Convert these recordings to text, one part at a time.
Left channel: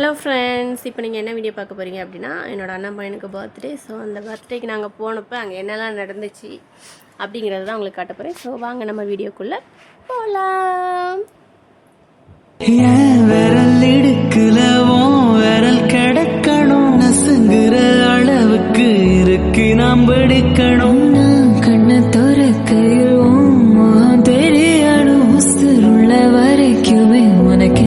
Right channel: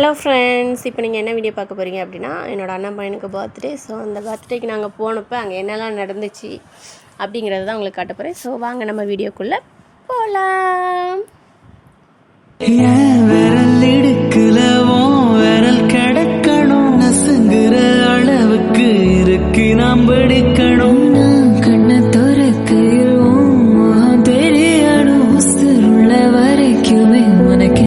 Hello friends, இப்போ நீங்கள் என்ன வீடியோ பார்க்க போகிறீங்க அப்படின்னா, என்னோடய அண்ணன் பையனுக்கு பர்த்டே. ஸோ அந்த பர்த்டேக்கு நாங்கள் போனப்போ அங்கே என்னெல்லாம் நடந்துச்சு அப்படிங்கிறது தான் உங்களுக்கு காட்ட போகிறேன். ஸோ வாங்க நம்ம வீடியோக்குள்ளே போகலாம். விரல் இடுக்கலவும் விரல் கிடக்கணும், நசுங்குற அளவுக்கு இருக்கு நாம் படிக்கணும். கண்ணை துறக்கையில் தெரியணும், உள்ள வரைக்குமே உனக்கு.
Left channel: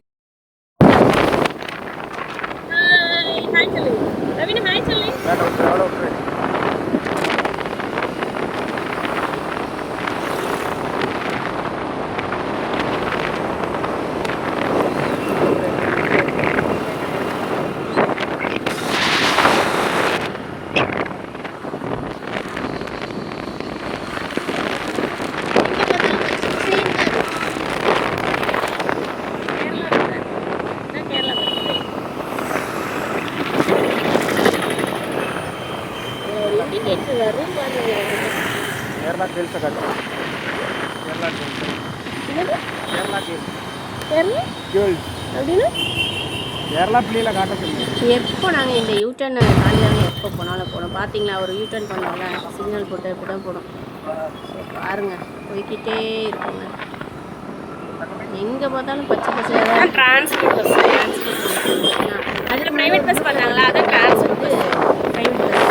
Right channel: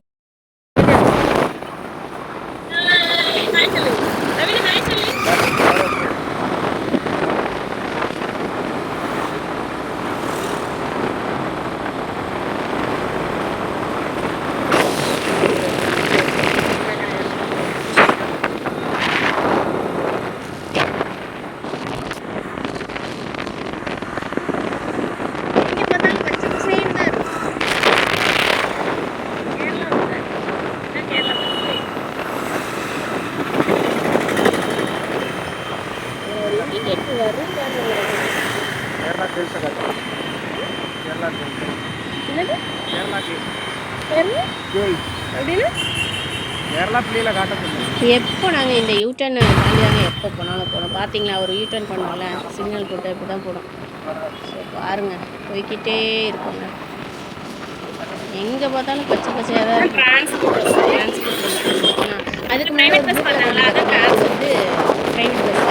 எப்போ நாங்கள் இந்த யூட்டர்ன் தாண்டி தாங்க எப்போ போனாலும் போனோம். பார்த்தீங்களா, ஒரு யூட்டர்ன் பண்ணோம்ல, சிக்னல் போட்டு இப்படி தான் போடும். ஸோ பாருங்கள், போய்கிட்டே இருக்குங்க. எங்கே பார்த்தாலும் பச்சை பச்சையாக தான் இருக்குது. டிரான்ஸ்போர்ட் அதுக்கு ப்ரைவேட் பஸ் பண்ணாங்களா, அதான் ப்ரைவேட் பஸ்,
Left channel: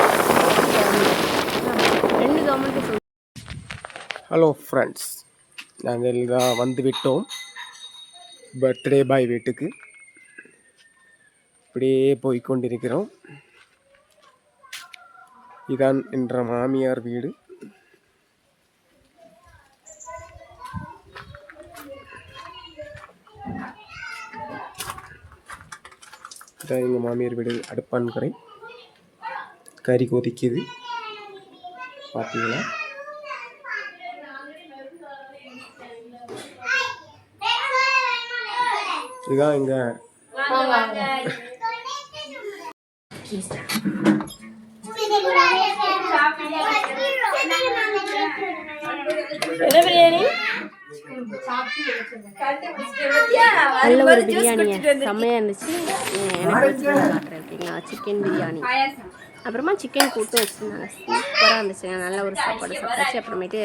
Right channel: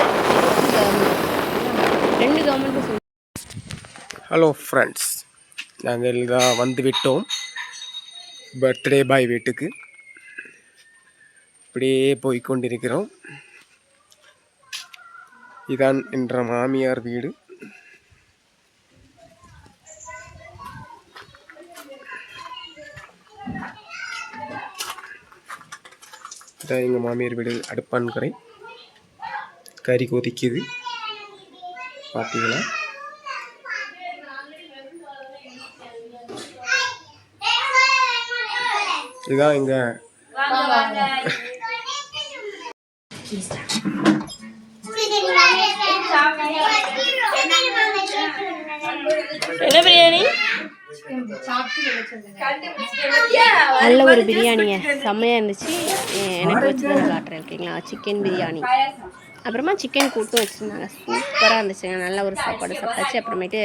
ரெண்டு கவர்மெண்ட். ஹலோ ஃப்ரெண்ட்ஸ், நாங்கள் தான் வந்து விட்டோம் பர்த்டே பாய் வீட்டுக்கு. இப்படியே போய்கொண்டிருக்கிறோம். இதான் என்ற மாமியார் வீடு. இதான் எங்கள் மாமியார் வீடு. அடுப்பான்கரை கறி கொதிக்குது, பார்த்தீங்களா? இதுதான் எங்க என்ன பிரியாணி, நல்ல ஒரு பிரியாணிங்க, செம்மையாக இருந்துச்சு. எனக்கு வச்சு தான் காட்டுறேன், ஓகேங்களா? சிக்கன் பிரியாணி, அப்புறமா சிக்கன் கூட்டு வச்சுருந்தாங்க, சூப்பராக இருந்துச்சுங்க. நல்ல ஒரு சாப்பாடு சாப்பிட்டாச்சு. அப்புறமேட்டு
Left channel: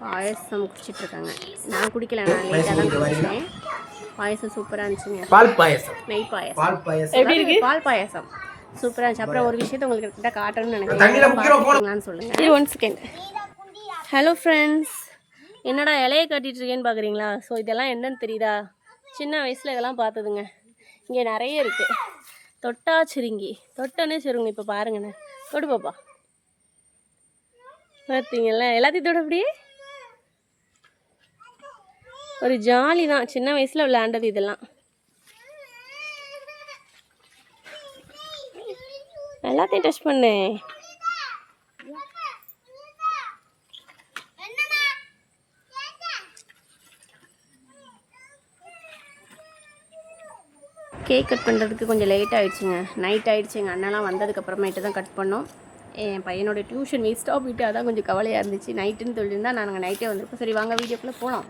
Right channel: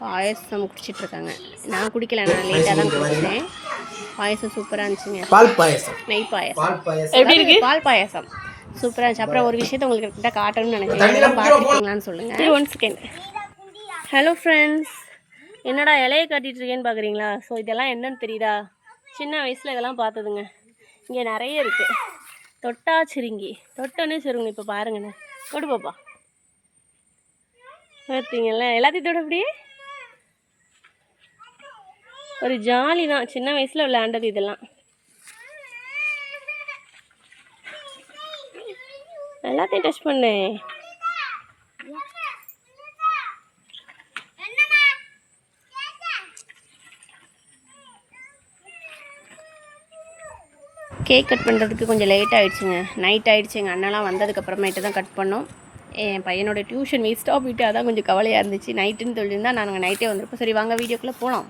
பாயசம் குடிச்சிட்ருக்காங்க. நான் குடிக்கல, நான் லைட்டாக தான் குடிச்சேன். பாயசம் சூப்பராக இருந்துச்சுங்க. பால் பாயசம், நெய் பாயசம் எப்படி இருக்கு? பால் பாயசம் சூப்பராக இருந்துச்சு. அப்புறம் ஒரு விஷயத்தை உங்களுக்கு கிட்ட காட்டணும்னு நினைக்கிறேன், சொல்லுங்கள். இது 1 செகண்ட். ஹலோ ஃப்ரெண்ட்ஸ், என்னடா இலையை காட்டிகிட்டு இருக்கேன்னு பார்க்குறீங்களா? ஸோ இதெல்லாம் என்னன்னு தெரியுதா? சின்ன வயசில் இதெல்லாம் பார்த்ததுங்க. இங்கே நிறைய இருக்குது. தொட்டா சுருங்கி, தொட்டோன்னே சுருங்க. இப்போ பாருங்கண்ணே, தொடு பாப்பா, பார்த்தீங்களா? எல்லாத்தையும் தொட அப்படியே ஒரு ஜாலி தான். சின்ன வயசில் விளையாண்டது இதெல்லாம். எல்லாத்தையும் டச் பண்ணேன். கேக் கட் பண்ணுறதுக்கு கொஞ்சம் லேட் ஆகிடுச்சுங்க, நைட் ஆகிடுச்சு. எங்கள் அண்ணெல்லாம் வந்ததுக்கப்புறமேட்டு தான் கட் பண்ணோம். என் பையனோட டியூஷன் வேஸ்ட்டாக போயிட்டு அதான் கொஞ்சம் கவலையாக இருந்துச்சு. நைட்டுன்னு சொல்லியிருந்தா நாங்கள் நைட்டே வந்திருப்போம். சரி வாங்க வீடியோக்குள்ளே போகலாம்.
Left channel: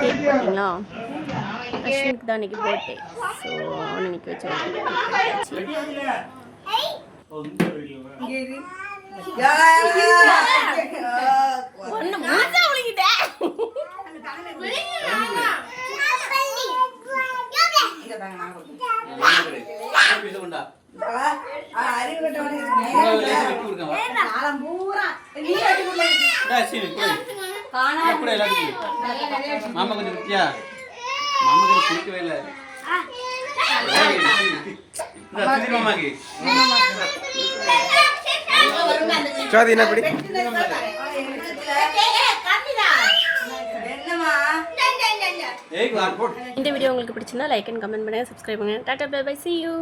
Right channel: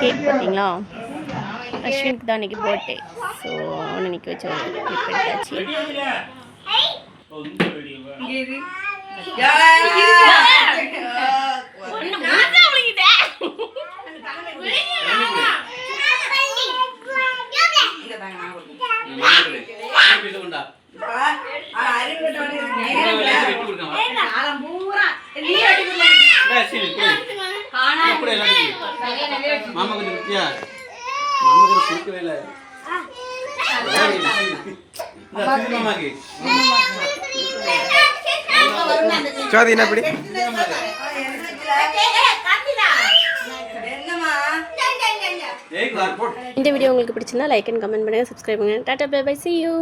கேக் பார்த்தீங்களா, அஸ்வினுக்கு தான் இன்றைக்கி பர்த்டே. ஸோ அவனை நிற்க வச்சு இந்த வீடியோ உங்களுக்கு பிடிச்சிருந்தா லைக் அண்ட் கமெண்ட் பண்ணுங்கள், சப்ஸ்கிரைப் பண்ணுங்கள். Tata bye bye, see you.